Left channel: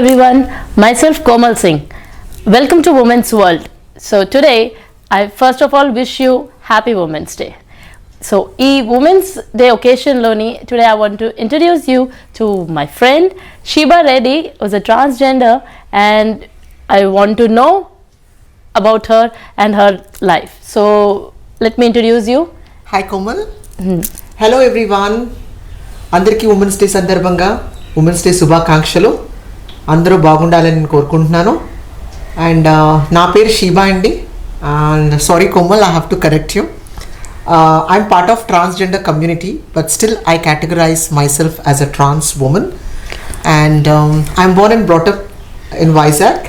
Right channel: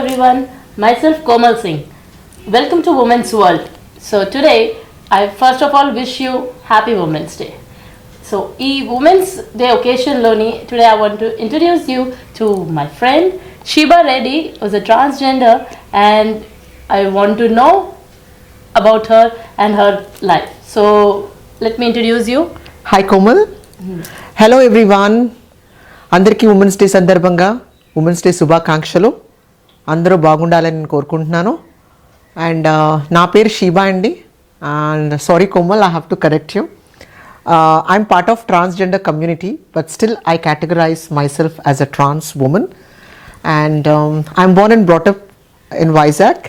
everyone, myself Komal Singh. Welcome to Women's World. So today, I first of all wish you Happy Women's Day. So, Women's Day occasion loni, today I want to introduce you to my friend Sheeba Reddy, who's a transgender, and I want to know about her and her life. So, let me introduce you. Hi Komal. Hello everyone. అందరికీ women's day సందర్భంగా women's day శుభాకాంక్షలు. అందరూ బాగుండాలని నేను కోరుకుంటున్నాను. అండ్ నా పేరు షీబా అండి. And sorry Komal, I have to correct you. I'm part of transgender community, but still I categorize myself as a trans woman. And I'm born and brought up in Vizag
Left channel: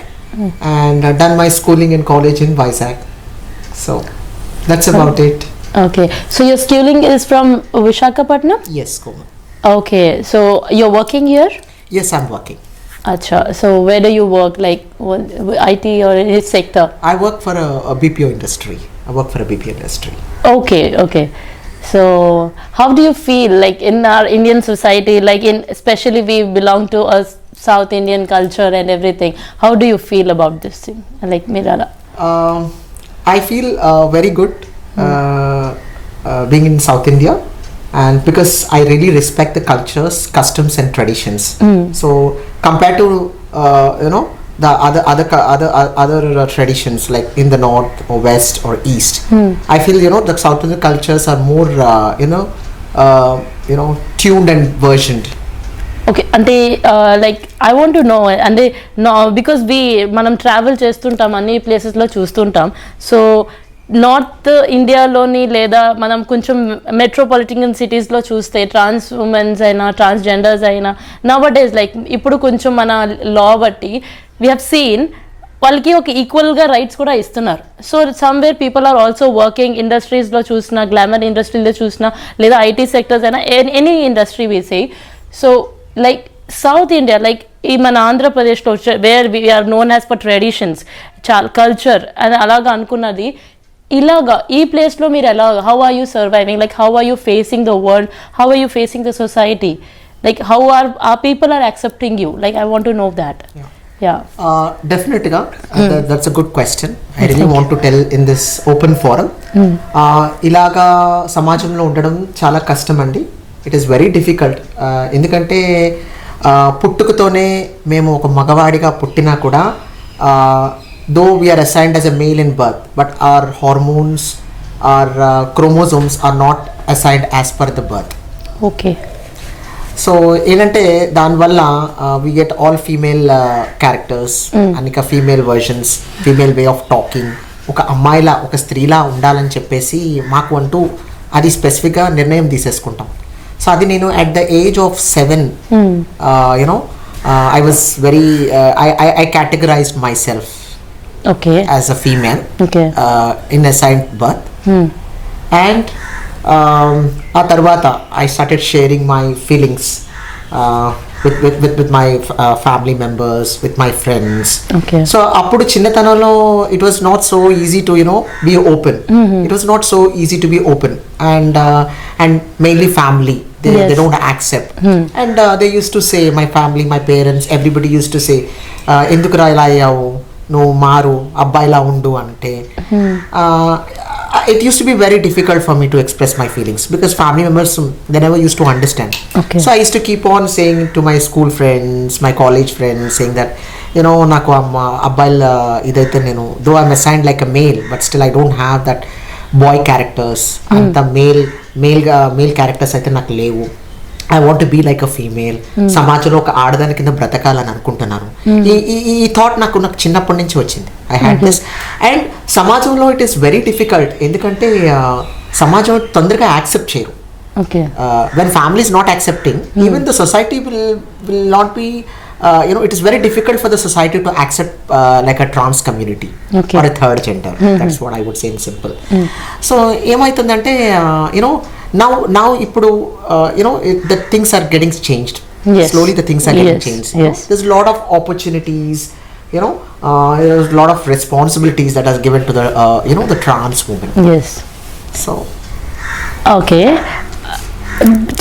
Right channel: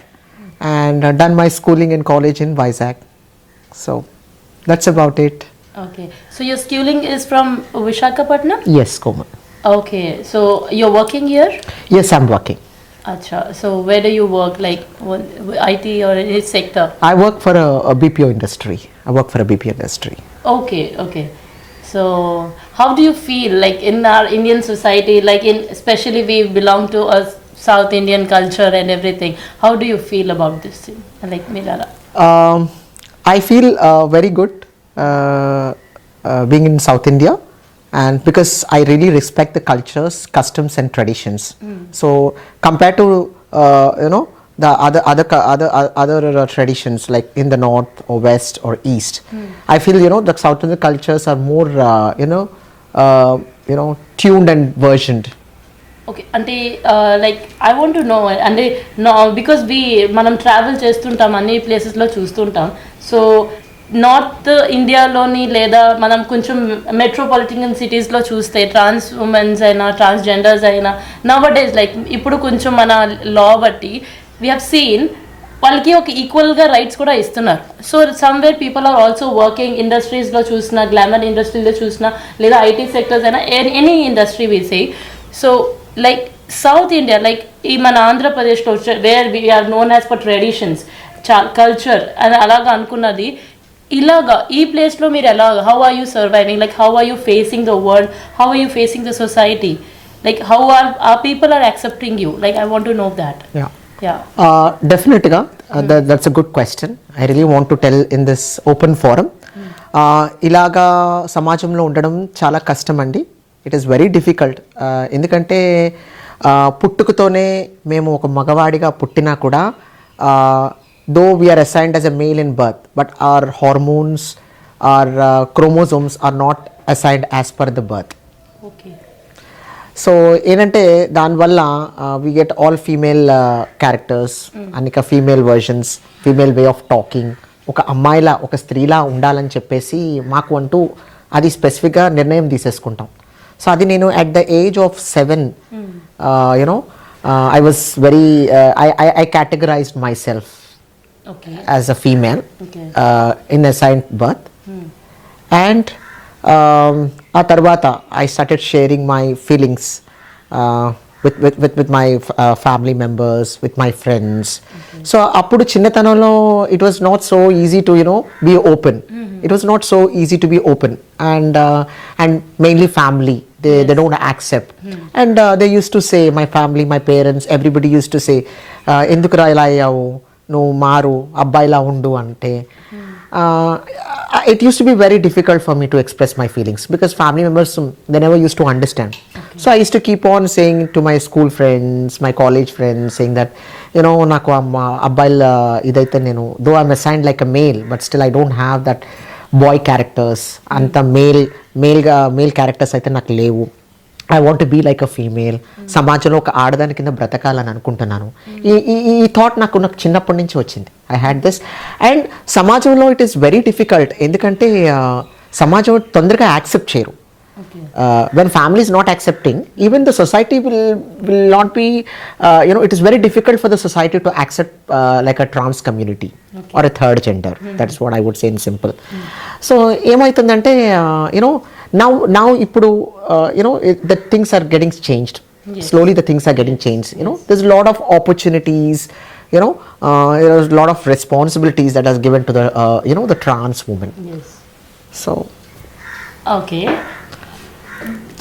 and done my schooling and college in Vizag. So that's about it. Okay, so your schooling is from Visakhapatnam? Yes, Komal. Okay, so you're working here? Yes, I'm working. Acha, so where do you work, like IT or which sector? I work for a BPO industry. I work for a BPO industry. Okay. So how do you feel like in our Indian society, like especially we belong to a South Indian culture and everything, how do you feel about this thing, like Mirala? I feel very good being in South India, and because I really respect the cultures, customs and traditions. So compared to the other traditions like in the north or west or east, I feel the South Indian cultures are more tuned and versioned. Okay, అంటే like I want to know అంటే బికాస్ మనం ట్రావెల్ చేస్తుంటాం, అన్ని ప్లేసెస్లో చూస్తుంటాం. So north ఇండియాలోని లేదా మనం కొంచెం మెట్రోపాలిటన్ సిటీస్లో చూస్తే ట్రాన్స్ ఉమెన్స్ అయినా ట్రాన్స్జెండర్స్ అయినా నవడేస్ లైక్ ఇప్పుడు కొంచెం మన లా బట్టి వీ హ్యావ్ సీన్ వాళ్ళకి ఒక ఈక్వల్గా రైట్స్ కూడా ఇస్తున్నారు. So somewhere people are also working ఇండస్ట్రీస్లో చూసినా, గ్లామర్ ఇండస్ట్రీలో చూసినా, లేదా ఐటీ సెక్టర్స్ అయినా any industry we say. So like south India, like ఈ మన ఆంధ్రప్రదేశ్లో where we are known as for traditions, culture అని అలాగా అనుకున్నది, ఇలాగా ఈ ప్లేస్లో మీరు ఎలాగా, how are you surviving, like how are you facing the world, how are you facing the society, like how are people are accepting you, like I want to know that. Definitely that's a good question. I really want to tell in this open forum. ఇలాగా సమాజంలో ఉండడం చాలా కష్టం అండి. It is very difficult. ఎందుకంటే పుట్టుకతోనే మేము ఒక మగవాడిగా పుట్టినా కూడా though we are assigned as a male in birth, but our hormones, our chromosomes are not assigned as per the birth. Okay. So ఏంటంటే దానివల్ల we get all female characters and ఇక female versions, female way of talking. ఒక అమ్మాయిలా ఒక స్త్రీలా ఉండాలని చెప్పేసి మాకు అంటూ అది స్పెసిఫిక్గా నిర్ణయం తీసేసుకుంటాం. సో అది నేను at the age of 7 I was very I categorized myself as a female in assigned birth. And ఆ తర్వాత I started sharing my feelings with my family members, with my friends. So అప్పుడు చిన్నతనంలో it was not so easy to be open. It was not so easy to be open, and mainly family they don't accept. And they used to say, my family, my parents, everybody used to say, ఎందుకురా ఇలా అయ్యావు, నువ్వు మారు, అబ్బాయిలా ఉండు అంటే. It used to be very difficult for me to express my feelings because family members, they never used to understand. So I used to keep on saying to my school friends, my college friends, saying that నాకు అబ్బాయిల ఇదైతే నేను, though I'm assigned like a male, but still I don't have that boy characters. అంత male characters అయితే నాకు లేవు. I want to be like a female. సమాజంలో ఒక ఆడదాని కింద బ్రతకాలని అనుకుంటున్నాను. ఈ థాట్ నాకు చిన్నప్పటి నుంచి వచ్చింది. I had this. అండ్ సమాజంలో ఇట్ ఈస్ వెరీ డిఫికల్ట్. ఎందుకంటే సమాజం తొందరగా యాక్సెప్ట్ చేయరు. When family is not accepting, even the society will not be, it is very difficult for the society to accept like a trans community or a third gender. That's what I would say in simple. So ఏమైతుందంటే now ఇప్పుడు the things are getting changed. Slowly the things are getting changed. There's a lot of opportunities, there's a lot of responsibilities that are given to the the trans women. So okay,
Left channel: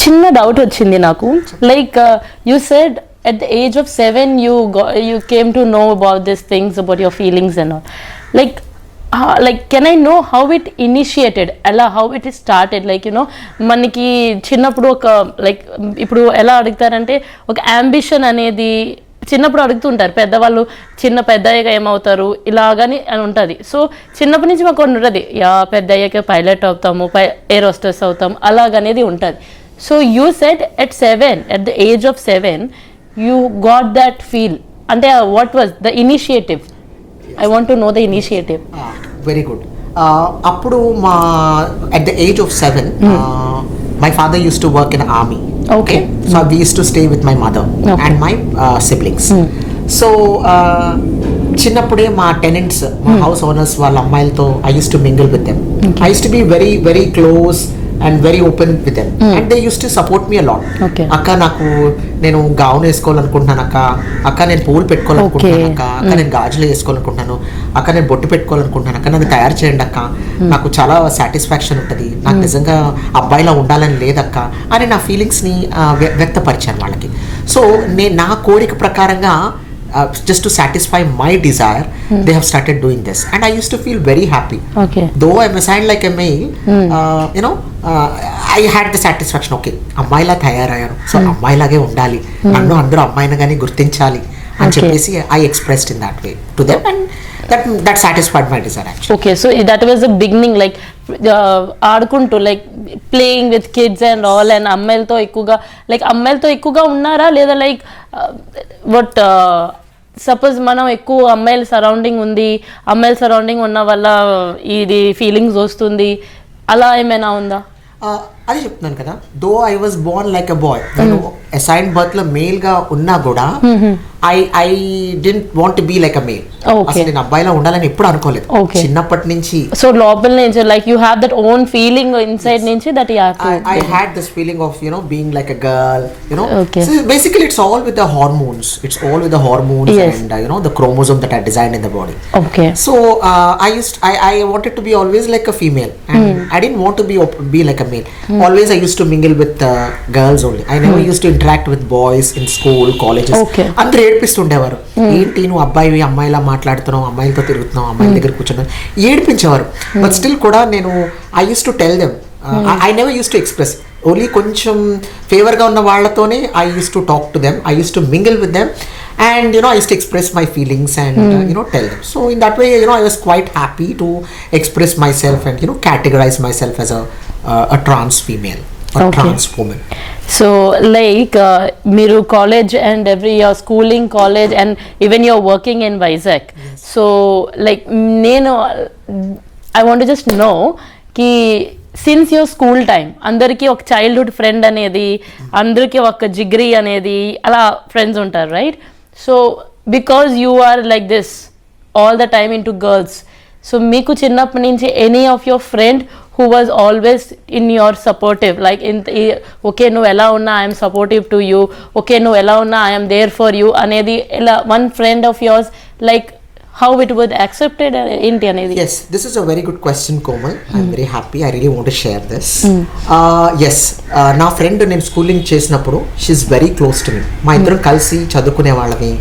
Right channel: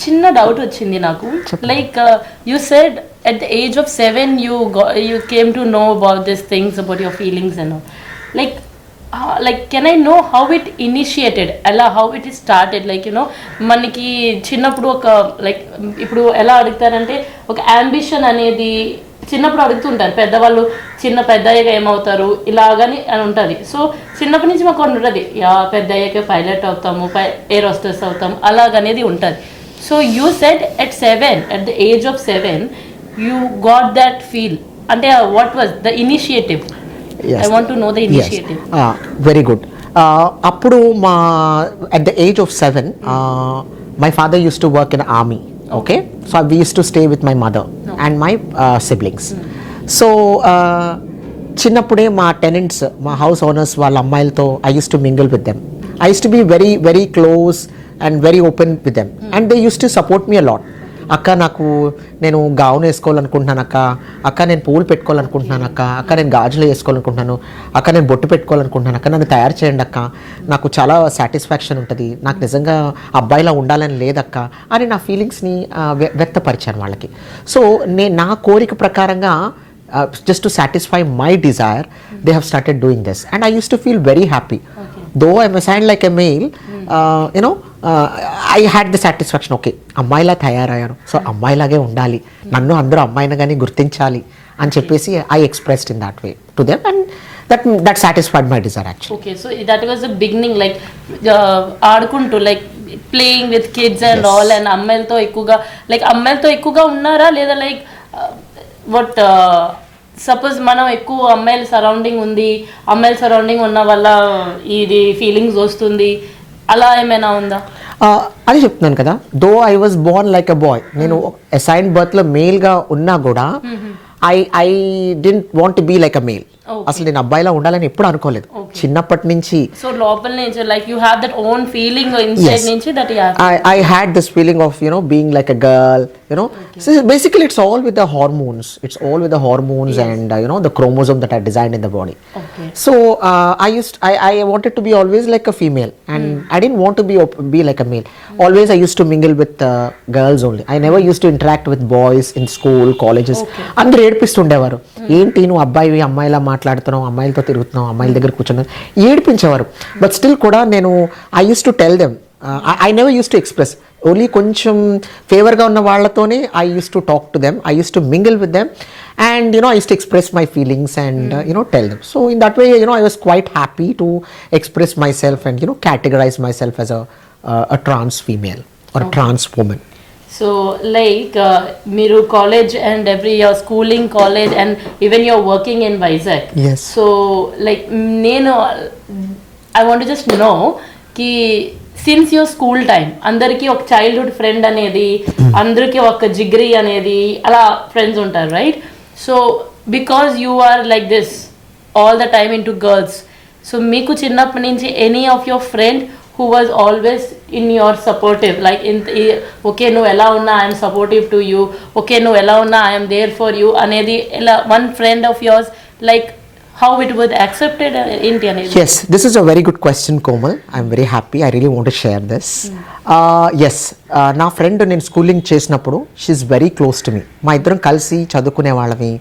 చిన్న డౌట్ వచ్చింది నాకు. Like you said at the age of 7 you came to know about these things, about your feelings and all. Like can I know how it initiated, how it started, like మనకి చిన్నప్పుడు ఒక లైక్ ఇప్పుడు ఎలా అడుగుతారంటే ఒక అంబిషన్ అనేది చిన్నప్పుడు అడుగుతుంటారు పెద్దవాళ్ళు, పెద్దయ్యాక ఏమవుతారు ఇలాగని అని ఉంటుంది. సో చిన్నప్పటి నుంచి మాకు ఉంటుంది, పెద్ద అయ్యాక పైలట్ అవుతాము, ఎయిర్ హోస్టెస్ అవుతాము అలాగనేది ఉంటుంది. So you said at 7, at the age of 7 you got that feel, అంటే what was the initiative? Yes. I want to know the initiative. Yes. Very good. Appudu at the age of 7, my father used to work in army. Okay. So we used to stay with my mother and my siblings. So చిన్నప్పుడే మా టెనెంట్స్, మా house owners వాళ్ళ అమ్మాయిలతో I used to mingle with them. I used to be very very close and very open with them, and they used to support me a lot. అక్క నాకు నేను గౌన్ వేసుకోవాలనుకుంటున్నాను, అక్క నేను పూలు పెట్టుకోవాలనుకుంటున్నాను, అక్క నేను గాజులు వేసుకోవాలనుకుంటున్నాను, అక్క నేను బొట్టు పెట్టుకోవాలనుకుంటున్నాను, అక్క నన్ను తయారు చేయండి అక్క, నాకు చాలా సాటిస్ఫాక్షన్ ఉంటుంది, నాకు నిజంగా అబ్బాయిలా ఉండాలని లేదక్క అని నా ఫీలింగ్స్ని వ్యక్తపరిచాను వాళ్ళకి. సో నా కోరిక ప్రకారంగా just to satisfy my desire, they have started doing this, and I used to feel very happy. Though I'm assigned like a male, I had the satisfaction, okay, అమ్మాయిలా తయారయ్యాను, సో అమ్మాయిలాగే ఉండాలి, నన్ను అందరూ అమ్మాయినగానే గుర్తించాలి అని చెప్పేసి I expressed in that way to them, and that satisfied my desire actually. Okay, so that was the beginning, like ఆడుకుంటూ like playing with kids and all, and అమ్మాయిలతో ఎక్కువగా ఉన్నారా లేదా లైక్ బట్ సపోజ్ మనం ఎక్కువ అమ్మాయిల సరౌండింగ్ ఉన్న వల్ల ఇది ఫీలింగ్స్ వస్తుంది అలా ఏమైనా ఉందా? అది చెప్తున్నాను కదా, though I was born like a boy, నేను అసైన్ బర్త్ లో మేల్ గా ఉన్నా కూడా I didn't want to be like a male. అసలు నేను అబ్బాయిలా ఉండాలని ఎప్పుడు అనుకోలేదు చిన్నప్పటి నుంచి. సో లోపల నుంచి like you have that own feeling inside నుంచి that I had this feeling of being like a girl, so basically it's all with the hormones, yes. And the chromosome that are designed in the body. So I wanted to be always like a female, and I didn't want to be like a male. Always I used to mingle with girls only. I never used to interact with boys in school, colleges. అందరూ ఏడిపిస్తుండేవారు, ఏంటి నువ్వు అబ్బాయి అమ్మాయిలా మాట్లాడుతున్నావు, అమ్మాయిలతో తిరుగుతున్నావు, అమ్మాయిల దగ్గర కూర్చున్నావు, ఏడిపించేవారు. బట్ స్టిల్ కూడా నేను I used to tell them, I never used to express. Only కొంచెం ఫేవర్గా ఉన్న వాళ్ళతోనే I used to talk to them, I used to mingle with them, and I used to express my feelings and tell them. So in that way I was quite happy to express myself and categorize myself as a trans female or trans woman. So like మీరు college and every year schooling college and even you're working in Vizag. So like నేను I want just know కి since your school time అందరికీ ఒక childhood friend అనేది, అందరికీ ఒక జిగ్రీ అనేది అలా ఫ్రెండ్స్ ఉంటారు, right? So because you are like this all the time in to girls, సో మీకు చిన్నప్పటి నుంచి any of your friend who was always in your supportive, like okay no ela unna I am supportive to you, okay no ela unna I am there for you anedi one friend of yours, like how it was accepted in anedi? Yes, this is a very good question, Komal. I'm very happy, I really want to share this. Yes, na friend నేను స్కూలింగ్ చేసినప్పుడు she is very close to me. మా ఇద్దరం కలిసి చదువుకునే వాళ్ళని,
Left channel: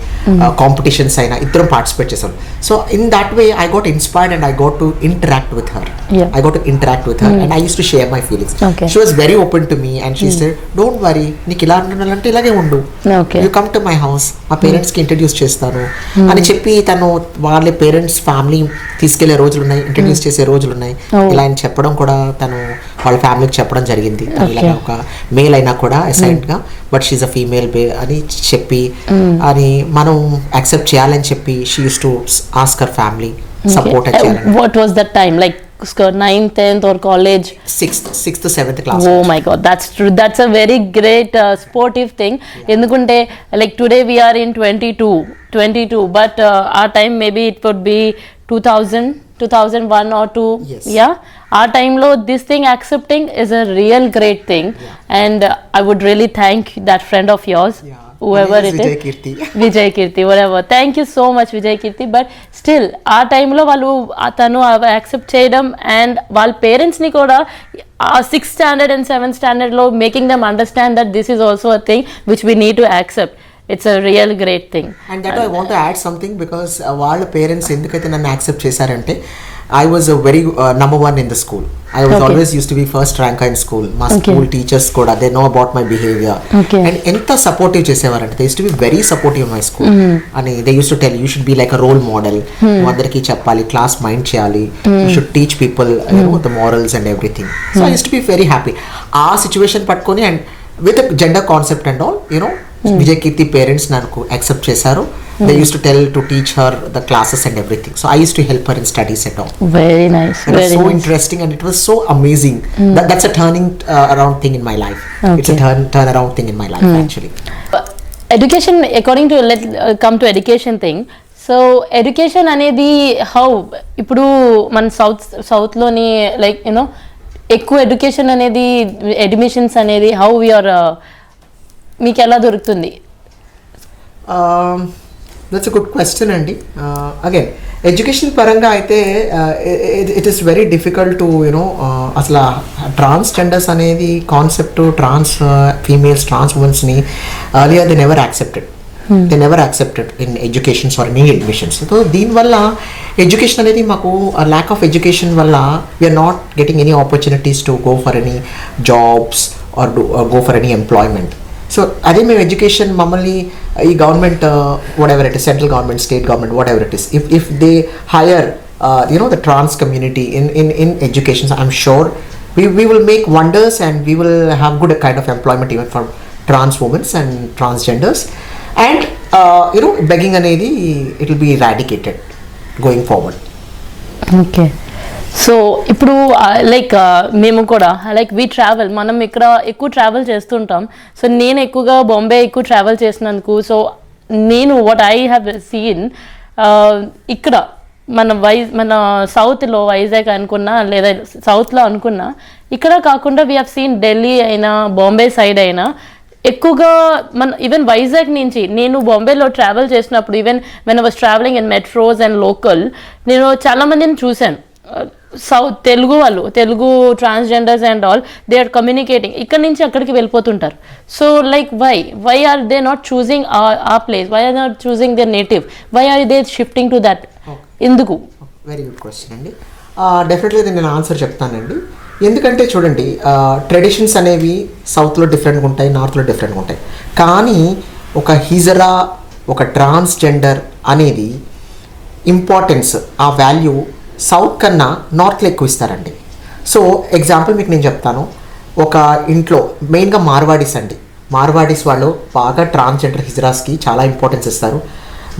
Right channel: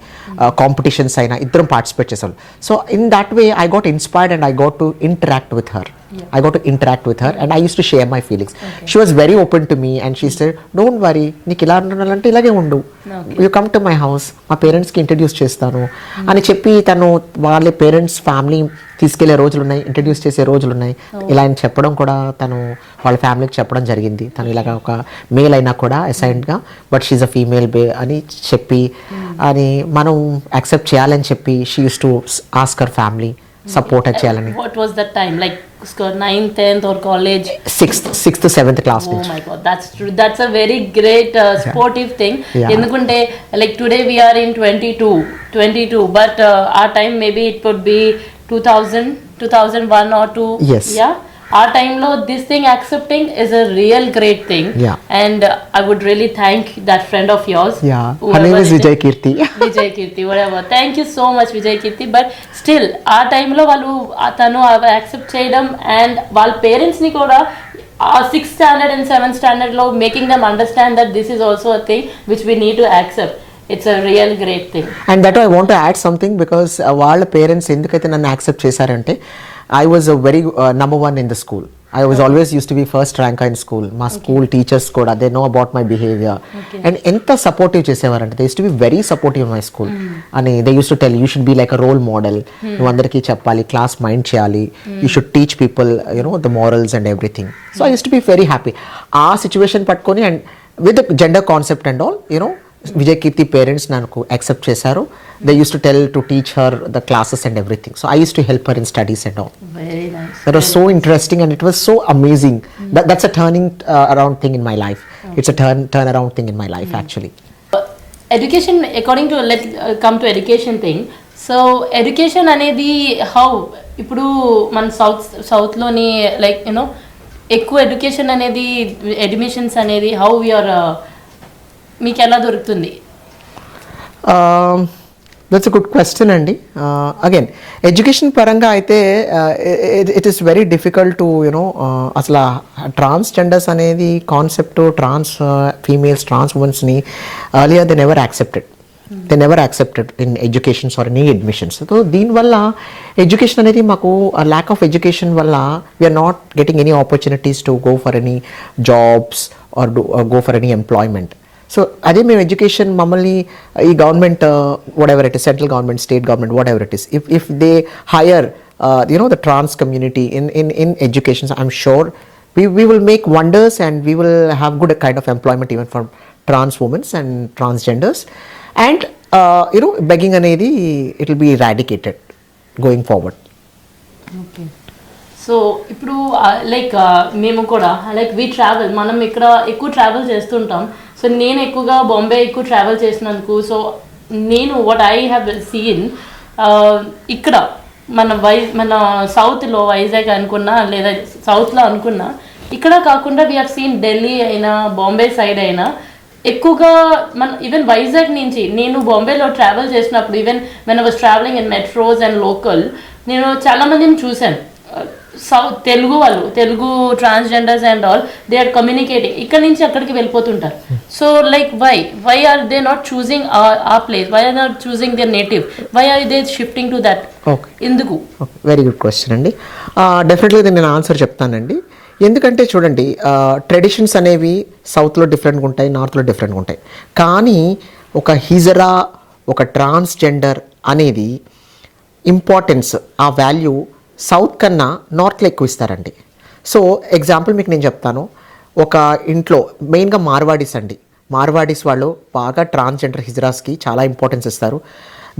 కాంపిటీషన్స్ అయినా ఇద్దరం పార్టిసిపేట్ చేసాం. So in that way I got inspired and I got to interact with her. And I used to share my feelings. She was very open to me and she said, don't worry, నీకు ఇలా ఉండాలంటే ఇలాగే ఉండు, you come to my house, మా పేరెంట్స్ కి ఇంట్రడ్యూస్ చేస్తాను అని చెప్పి తను వాళ్ళ పేరెంట్స్ ఫ్యామిలీ తీసుకెళ్లే రోజులు ఉన్నాయి, ఇంట్రడ్యూస్ చేసే రోజులు ఉన్నాయి. ఇలా అని చెప్పడం కూడా తను వాళ్ళ ఫ్యామిలీకి చెప్పడం జరిగింది, ఇలాగా ఒక మేల్ అయినా కూడా అసైన్డ్ గా బట్ షీఈ్ అ ఫీమేల్ అని చెప్పి అని మనం యాక్సెప్ట్ చేయాలని చెప్పి she use to ask her family support చేయాలని. What was that time, like 9th, 10th or college? 6th 7th class. Oh my god, that's true. That's a very great sportive thing. Endukante like today we are in 22 but our time maybe it would be 2001 or 2. Yes. Yeah, our time lo this thing accepting is a real great thing. And I would really thank that friend of yours. Her name is Vijay Kirti whatever. Thank you so much Vijay Kirti. But still our time lo vallu atanu accept cheyadam and వాళ్ళ పేరెంట్స్ ని కూడా 6th standard and 7th standard lo making them understand that this is also a thing which we need to accept. It's a real great thing. And that I want to add something because వాళ్ళ పేరెంట్స్ ఎందుకైతే నన్ను యాక్సెప్ట్ చేశారంటే I was a very number one in the school. I was always used to be first ranker in school. My school teachers kuda, they know about my behavior. And enta supportive chesevarante. They used to be very supportive in my school. And they used to tell you should be like a role model. Andariki cheppali, class mind cheyali. You should teach people, you know, the morals and everything. So I used to be very happy. Our situation patkoni and with the gender concept and all, you know, Vijay Kirti parents nanku accept chesaru. They used to tell to teach her the classes and everything. So I used to help her in studies and all. Very nice. It was so interesting and it was so amazing. That's a turning around thing in my life. It's a turn around thing in my life actually. Education, according to come to education thing. So education అనేది how ఇప్పుడు మన south లోని like you know ఎక్కువ education అనేది admissions అనేది how you are మీకు ఎలా దొరుకుతుంది? That's a good question అండి. Again, ఎడ్యుకేషన్ పరంగా అయితే it is very difficult to అసలు ట్రాన్స్జెండర్స్ అనేది కాన్సెప్ట్ ట్రాన్స్ ఫీమేల్స్ ట్రాన్స్ ఉమెన్స్ని earlier they never accepted in educations or any admissions. So దీనివల్ల ఎడ్యుకేషన్ అనేది మాకు lack of education వల్ల we are not getting any opportunities to go for any jobs or go for any employment. So అదే మేము education మమ్మల్ని ఈ government whatever it is central government state government whatever it is if they hire the trans community in education I'm sure we will make wonders and we will have good kind of employment even for trans women and transgenders and begging anedi it will be eradicated going forward. Okay. So ఇప్పుడు లైక్ మేము కూడా లైక్ వి ట్రావెల్ మనం ఇక్కడ ఎక్కువ ట్రావెల్ చేస్తుంటాం. సో నేను ఎక్కువగా బాంబే ఎక్కువ ట్రావెల్ చేసినందుకు సో నేను వాట్ ఐ హ్యావ్ సీన్ ఇక్కడ మన సౌత్లో వైజాగ్ అనుకున్నా లేదా సౌత్లో అనుకున్నా ఇక్కడ కాకుండా వీ హ్యావ్ సీన్ ఢిల్లీ అయినా బాంబే సైడ్ అయినా ఎక్కువగా మన ఈవెన్ వైజాగ్ నుంచి నేను బాంబేలో ట్రావెల్ చేసినప్పుడు even when I was travelling in metros and local నేను చాలా మందిని చూశాను. South Telugu transgenders and all they are communicating ఇక్కడ నుంచి అక్కడికి వెళ్ళిపోతుంటారు. So like why are they not choosing ఆ place, why are not choosing their native, why are they shifting to that? ఎందుకు? వెరీ గుడ్ క్వశ్చన్ అండి. డెఫినెట్లీ నేను answer చెప్తానండి. ఎందుకంటే చూడండి ట్రెడిషన్స్ అనేవి సౌత్లో డిఫరెంట్గా ఉంటాయి, నార్త్లో డిఫరెంట్గా ఉంటాయి. కానీ ఒక హిజరా ఒక ట్రాన్స్జెండర్ అనేది ఇంపార్టెన్స్ ఆ వాల్యూ సౌత్ కన్నా నార్త్లో ఎక్కువ ఇస్తారండి. సో ఎగ్జాంపుల్ మీకు నేను చెప్తాను. ఒక ఇంట్లో మెయిన్గా మార్వాడీస్ వాళ్ళు బాగా ట్రాన్స్జెండర్ హిజరాస్కి చాలా ఇంపార్టెన్స్ ఇస్తారు.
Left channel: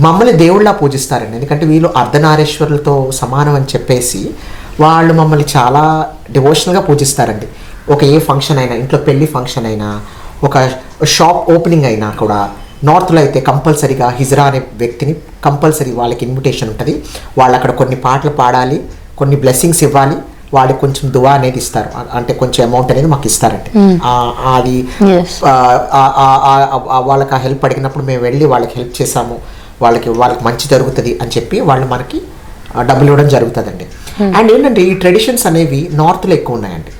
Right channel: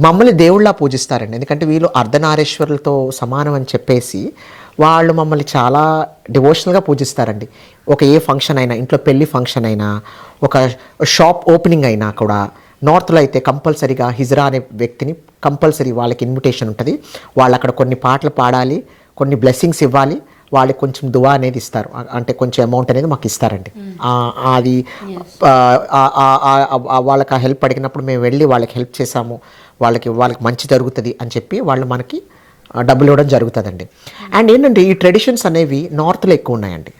మమ్మల్ని దేవుళ్ళ పూజిస్తారండి. ఎందుకంటే వీళ్ళు అర్ధనారీశ్వరులతో సమానం అని చెప్పేసి వాళ్ళు మమ్మల్ని చాలా డివోషనల్గా పూజిస్తారండి. ఒక ఏ ఫంక్షన్ అయినా, ఇంట్లో పెళ్లి ఫంక్షన్ అయినా, ఒక షాప్ ఓపెనింగ్ అయినా కూడా నార్త్లో అయితే కంపల్సరీగా హిజ్రా అనే వ్యక్తిని కంపల్సరీ వాళ్ళకి ఇన్విటేషన్ ఉంటుంది. వాళ్ళు అక్కడ కొన్ని పాటలు పాడాలి, కొన్ని బ్లెస్సింగ్స్ ఇవ్వాలి, వాళ్ళకి కొంచెం దువా అనేది ఇస్తారు, అంటే కొంచెం అమౌంట్ అనేది మాకు ఇస్తారండి. అది వాళ్ళకి ఆ హెల్ప్ అడిగినప్పుడు మేము వెళ్ళి వాళ్ళకి హెల్ప్ చేసాము, వాళ్ళకి మంచి జరుగుతుంది అని చెప్పి వాళ్ళు మనకి డబ్బులు ఇవ్వడం జరుగుతుందండి. అండ్ ఏంటంటే ఈ ట్రెడిషన్స్ అనేవి నార్త్లో ఎక్కువ ఉన్నాయండి,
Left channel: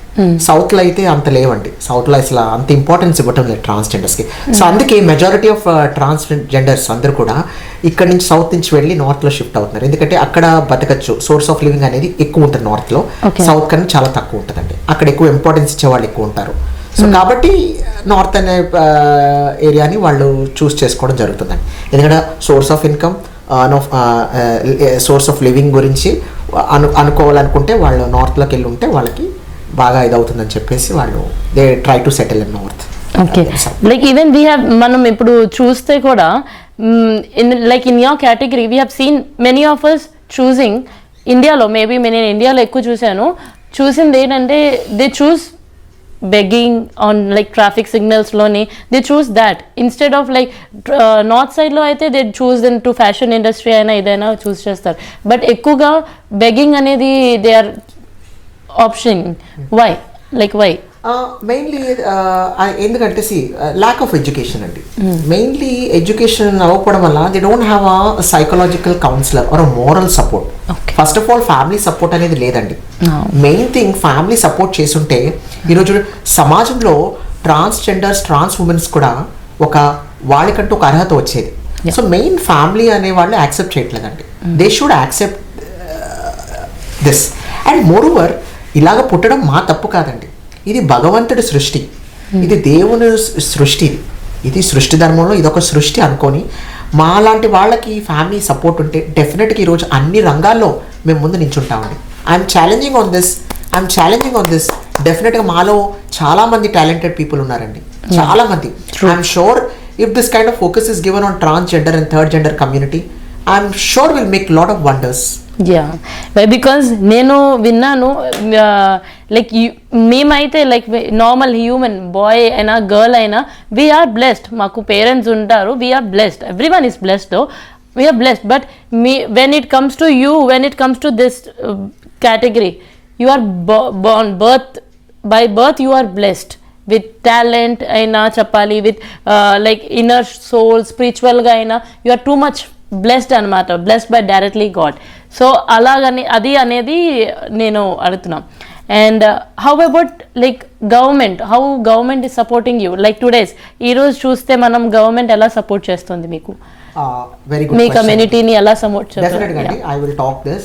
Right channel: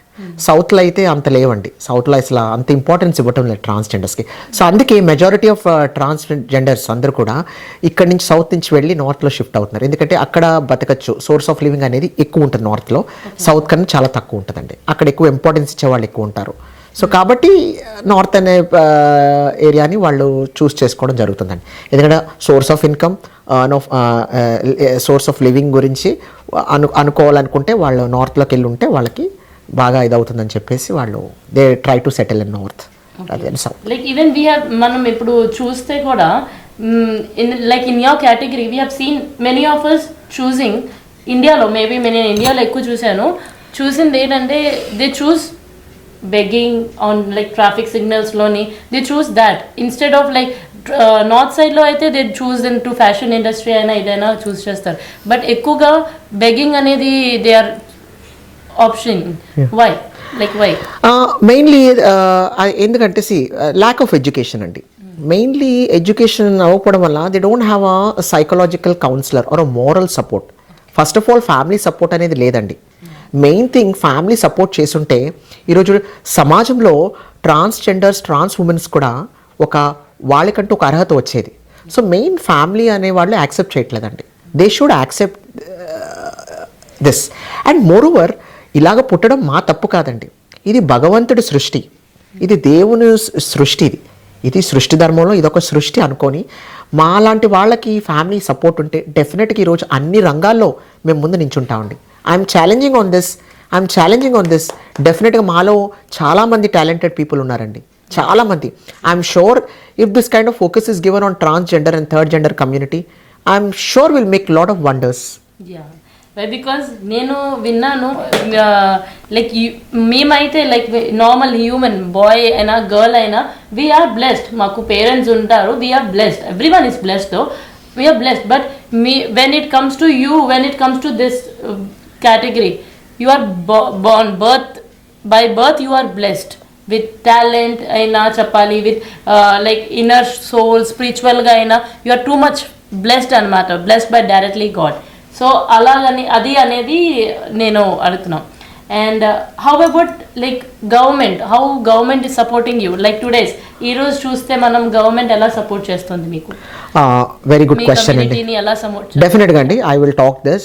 సౌత్లో అయితే అంత లేవండి. సౌత్లో అసలు అంత ఇంపార్టెన్స్ ఇవ్వటం లేదు ట్రాన్స్జెండర్స్కి. సో అందుకే మెజారిటీ ఆఫ్ ట్రాన్స్జెండర్స్ అందరూ కూడా ఇక్కడ నుంచి సౌత్ నుంచి వెళ్ళి నార్త్లో షిఫ్ట్ అవుతున్నారు. ఎందుకంటే అక్కడ బతకచ్చు, సోర్స్ ఆఫ్ లివింగ్ అనేది ఎక్కువ ఉంటుంది నార్త్లో, సౌత్ కన్నా చాలా తక్కువ ఉంటుందండి. అక్కడ ఎక్కువ ఇంపార్టెన్స్ ఇచ్చే వాళ్ళు ఎక్కువ ఉంటారు. సో కాబట్టి నార్త్ అనే ఏరియాని వాళ్ళు చూస్ చేసుకోవడం జరుగుతుందండి. ఎందుకంటే source of income, source of living గురించి అనుకోవాలనుకుంటే వాళ్ళు నార్త్లోకి వెళ్ళి ఉంటే వాళ్ళకి బాగా ఇదవుతుందని చెప్పేసి వాళ్ళు they try to settle in north. Okay, like even we have మనం ఇప్పుడు చూస్తే కూడా like in your category we have seen many of us choosing ఇండియాలో, మేబీ నేను ఇండియాలో ఎక్కువ చూసింది ఏంటంటే they choose begging on like traffic signals loni, they choose that instead of like north side lo aithe they choose into fashion industry aina idaina choose chestaru, but ekkuga begging anedi they are option. Why? Like why? Mainly ఎందుకంటే lack of education అండి. Mainly education అవ్వకపోవడం వల్ల they don't have a psychological counselor or a moral support. First of all family support అనేది లేదండి. Main thing family support చేస్తుంటే ఈరోజు సమాజంలో transgenders trans womens కూడా ఒక వాళ్ళకంటూ ఒక అర్హత వచ్చేది. సో మెయిన్ ఫ్యామిలీ అనే వాళ్ళు యాక్సెప్ట్ చేయట్లేదండి. They should accept this. And more over ఇలాగ పుట్టడం మా తప్పు కాదండి, ఇది భగవంతుడి సృష్టి, ఇది దేవుని సృష్టి, ఇది సృష్టి ధర్మంలో ఇదొక సృష్టి అనుకొని మా లాంటి వాళ్ళకి ఫ్యామిలీ సపోర్ట్ ఉంటే డెఫినెట్గా ఈరోజు అన్ని రంగాల్లో మేము ముందు నించుంటామండి. I'm challenging on this. డెఫినెట్గా మాలో చాలా మంది టాలెంటెడ్ పీపుల్ ఉన్నారండి, చాలా మంది. I'm sure if this kind of focus is given on transgender and third gender community, I'm sure will make lot of wonders. Because నేను విన్నాను లైక్ మేమైతే లైక్ నార్మల్ హ్యూమన్ బాయ్ అయినా గర్ల్ అయినా we are blessed, మాకు parents ఉంటారు, we are blessed, everyone is blessed, we are blessed. But when it comes to you, when it comes to this category, you are born by birth you are blessed with talent aina chapali, with like inner soul, spiritual ga aina you are too much blessed anamata, blessed by directly God. So alagani adi anedi nenu adutunna. And how about like how government is supporting you, like today's ee roju chuste manam government ela support chestundi meeku? Very good question. Me community ni ela support chestundi? Definitely andi, I will talk this.